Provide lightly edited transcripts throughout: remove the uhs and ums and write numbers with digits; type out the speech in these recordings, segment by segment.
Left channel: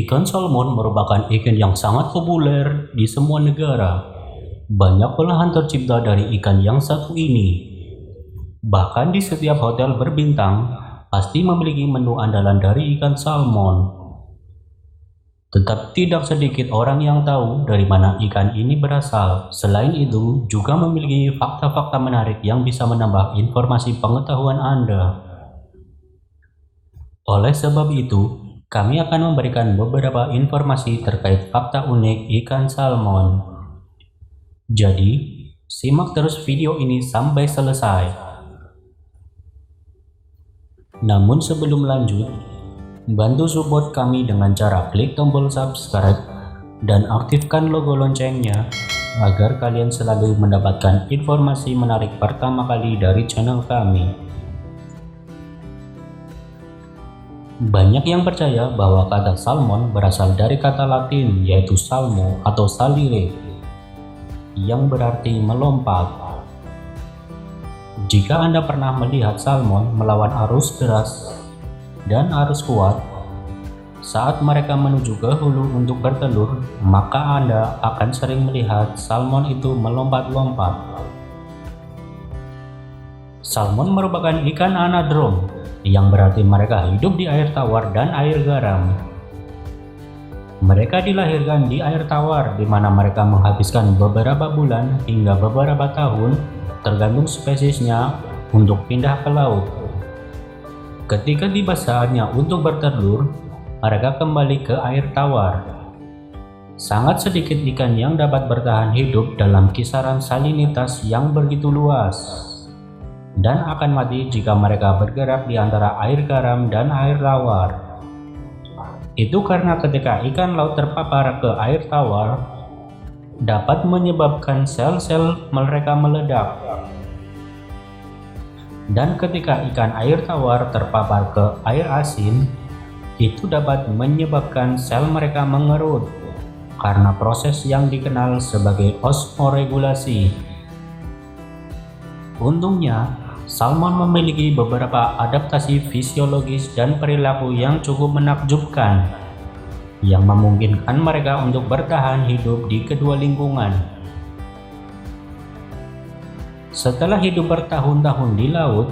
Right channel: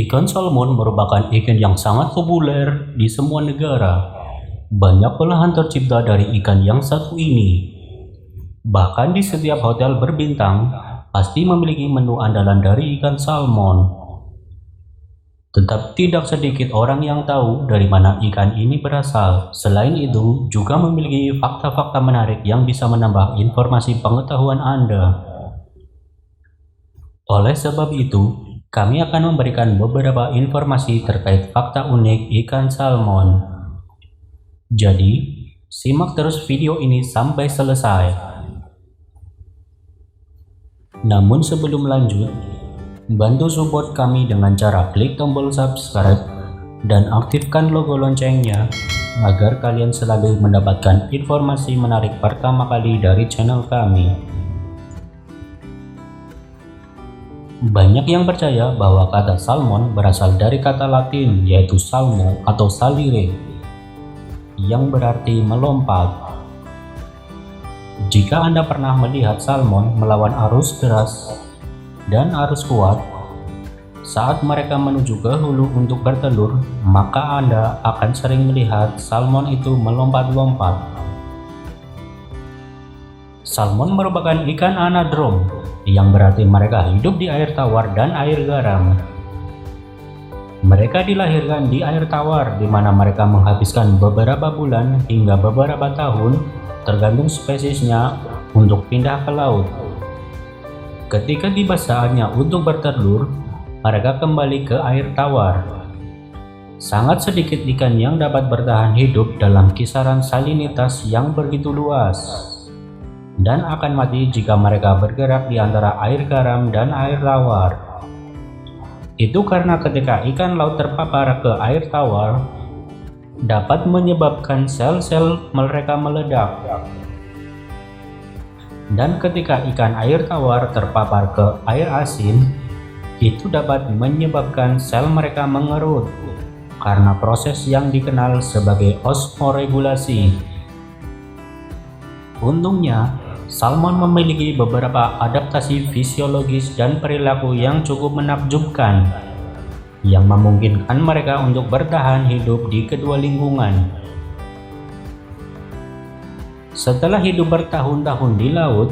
Ikan salmon merupakan ikan yang sangat populer di semua negara. Banyak olahan tercipta dari ikan yang satu ini. Bahkan di setiap hotel berbintang, pasti memiliki menu andalan dari ikan salmon. Tetap tidak sedikit orang yang tahu dari mana ikan ini berasal. Selain itu, juga memiliki fakta-fakta menarik yang bisa menambah informasi pengetahuan Anda. Oleh sebab itu, kami akan memberikan beberapa informasi terkait fakta unik ikan salmon. Jadi, simak terus video ini sampai selesai. Namun sebelum lanjut, bantu support kami dengan cara klik tombol subscribe dan aktifkan logo loncengnya agar kalian selalu mendapatkan informasi menarik pertama kali dari channel kami. Banyak yang percaya bahwa kata salmon berasal dari kata Latin yaitu salmo atau salire, yang berarti melompat. Jika Anda pernah melihat salmon melawan arus deras dan arus kuat, saat mereka menuju ke hulu untuk bertelur, maka Anda akan sering melihat salmon itu melompat-lompat. Salmon merupakan ikan anadrom, yang berarti mereka hidup di air tawar dan air garam. Mereka dilahirkan di air tawar, di mana mereka menghabiskan beberapa bulan hingga beberapa tahun, tergantung spesiesnya, untuk pindah ke laut. Ketika tiba saatnya untuk bertelur, mereka kembali ke air tawar. Sangat sedikit ikan yang dapat bertahan hidup dalam kisaran salinitas yang begitu luas, dan akan mati jika mereka bergerak di antara air garam dan air tawar. Itu karena ketika ikan laut terpapar ke air tawar, dapat menyebabkan sel-sel mereka meledak. Dan ketika ikan air tawar terpapar ke air asin, itu dapat menyebabkan sel mereka mengerut karena proses yang dikenal sebagai osmoregulasi. Untungnya, salmon memiliki beberapa adaptasi fisiologis dan perilaku yang cukup menakjubkan, yang memungkinkan mereka untuk bertahan hidup di kedua lingkungan. Setelah hidup bertahun-tahun di laut,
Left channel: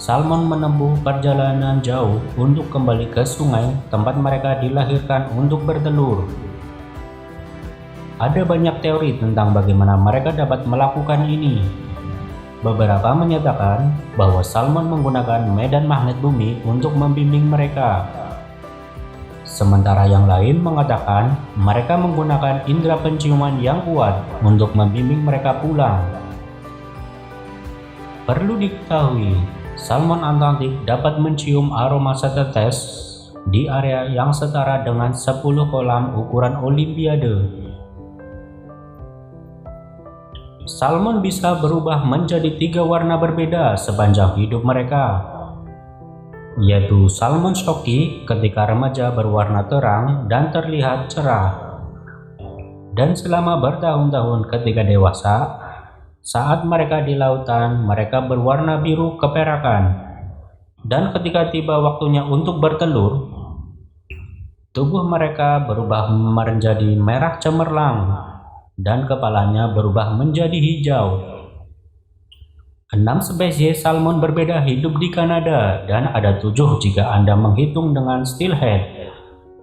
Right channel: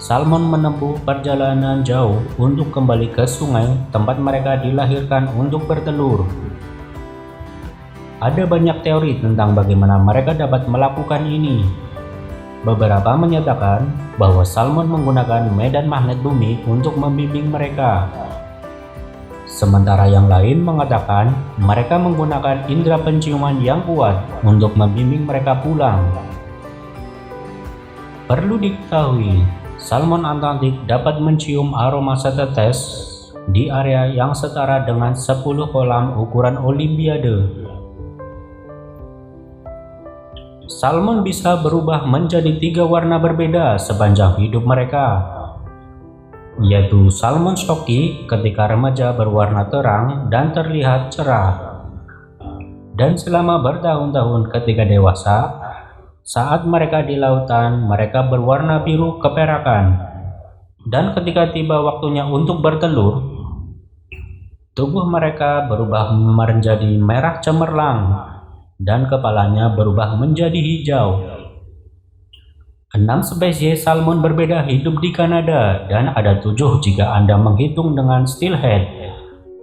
salmon menempuh perjalanan jauh untuk kembali ke sungai tempat mereka dilahirkan untuk bertelur. Ada banyak teori tentang bagaimana mereka dapat melakukan ini. Beberapa menyatakan bahwa salmon menggunakan medan magnet bumi untuk membimbing mereka. Sementara yang lain mengatakan mereka menggunakan indera penciuman yang kuat untuk membimbing mereka pulang. Perlu diketahui, salmon Atlantik dapat mencium aroma setetes di area yang setara dengan 10 kolam ukuran Olimpiade. Salmon bisa berubah menjadi 3 warna berbeda sepanjang hidup mereka, yaitu salmon stocky ketika remaja berwarna terang dan terlihat cerah, dan selama bertahun-tahun ketika dewasa, saat mereka di lautan mereka berwarna biru keperakan, dan ketika tiba waktunya untuk bertelur, tubuh mereka berubah menjadi merah cemerlang dan kepalanya berubah menjadi hijau. 6 spesies salmon berbeda hidup di Kanada, dan ada 7 jika Anda menghitung dengan steelhead,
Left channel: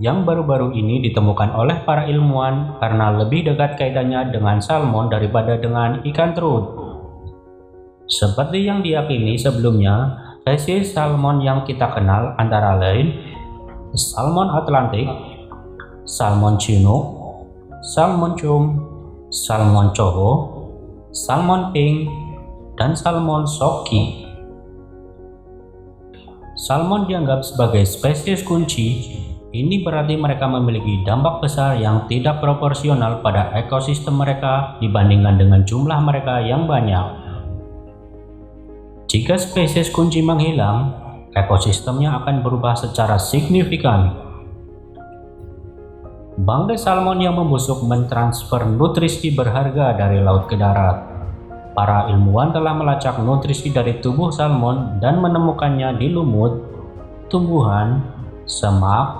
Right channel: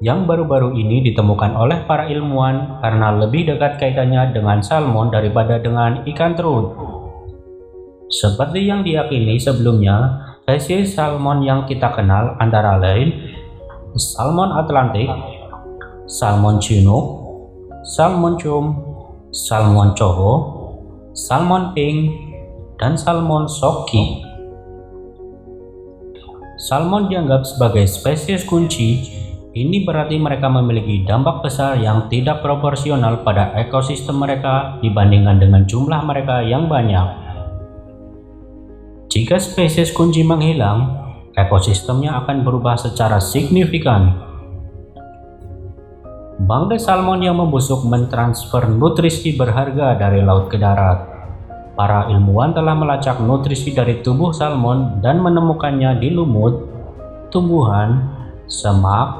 yang baru-baru ini ditemukan oleh para ilmuwan karena lebih dekat kaitannya dengan salmon daripada dengan ikan terun. Seperti yang diyakini sebelumnya, spesies salmon yang kita kenal antara lain salmon Atlantik, salmon chinook, salmon chum, salmon coho, salmon pink, dan salmon socky. Salmon dianggap sebagai spesies kunci. Ini berarti mereka memiliki dampak besar yang tidak proporsional pada ekosistem mereka dibandingkan dengan jumlah mereka yang banyak. Jika spesies kunci menghilang, ekosistemnya akan berubah secara signifikan. Bangkai salmon yang membusuk mentransfer nutrisi berharga dari laut ke darat. Para ilmuwan telah melacak nutrisi dari tubuh salmon dan menemukannya di lumut, tumbuhan, semak,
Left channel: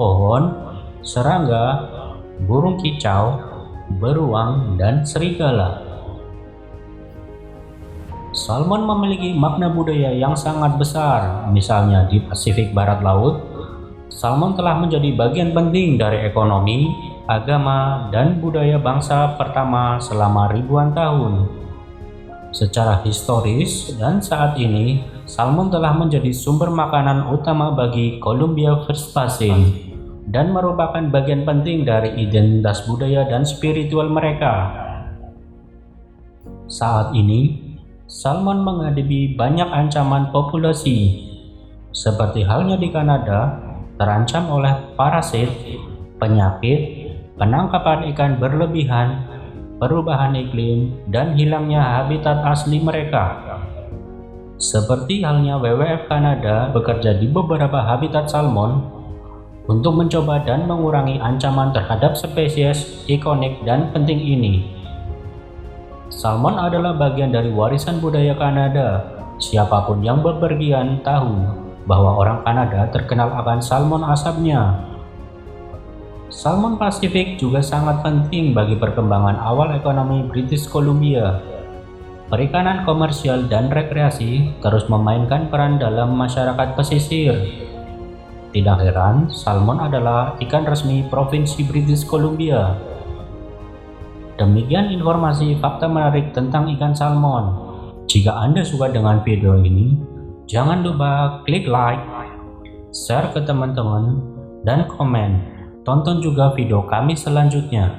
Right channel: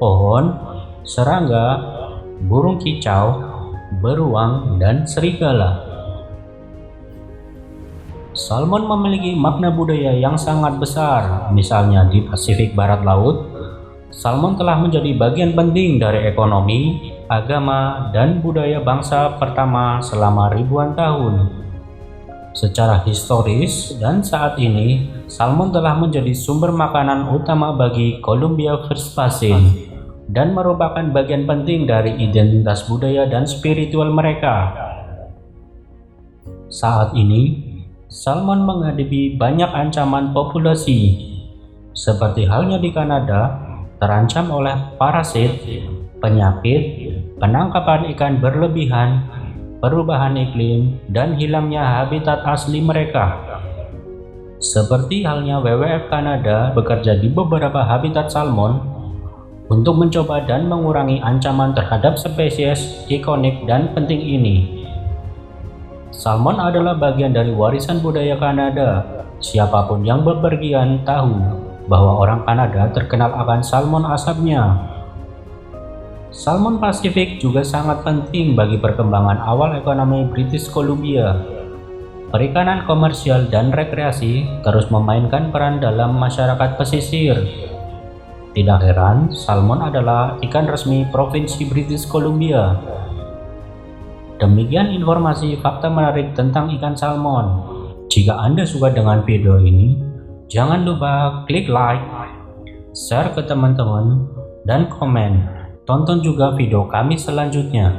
pohon, serangga, burung kicau, beruang, dan serigala. Salmon memiliki makna budaya yang sangat besar. Misalnya di Pasifik Barat Laut, salmon telah menjadi bagian penting dari ekonomi, agama, dan budaya bangsa pertama selama ribuan tahun. Secara historis dan saat ini, salmon telah menjadi sumber makanan utama bagi Columbia First Basin dan merupakan bagian penting dari identitas budaya dan spiritual mereka. Saat ini, salmon menghadapi banyak ancaman populasi, seperti halnya di Kanada, terancam oleh parasit, penyakit, penangkapan ikan berlebihan, perubahan iklim, dan hilangnya habitat asli mereka. Seperti halnya WWF Kanada bekerja di beberapa habitat salmon untuk mencoba dan mengurangi ancaman terhadap spesies ikonik dan penting ini. Salmon adalah bagian dari warisan budaya Kanada. Siapapun yang bepergian tahu bahwa orang Kanada terkenal akan salmon asapnya. Salmon Pasifik juga sangat penting bagi perkembangan awal ekonomi British Columbia. Perikanan komersial dan rekreasi terus memainkan peran dalam masyarakat pesisir. Tidak heran, salmon adalah ikan resmi Provinsi British Columbia. Demikian informasi fakta menarik tentang ikan salmon. Jika Anda suka dengan video ini, jangan lupa klik like, share ke teman-teman, dan komen. Tonton juga video kami selanjutnya.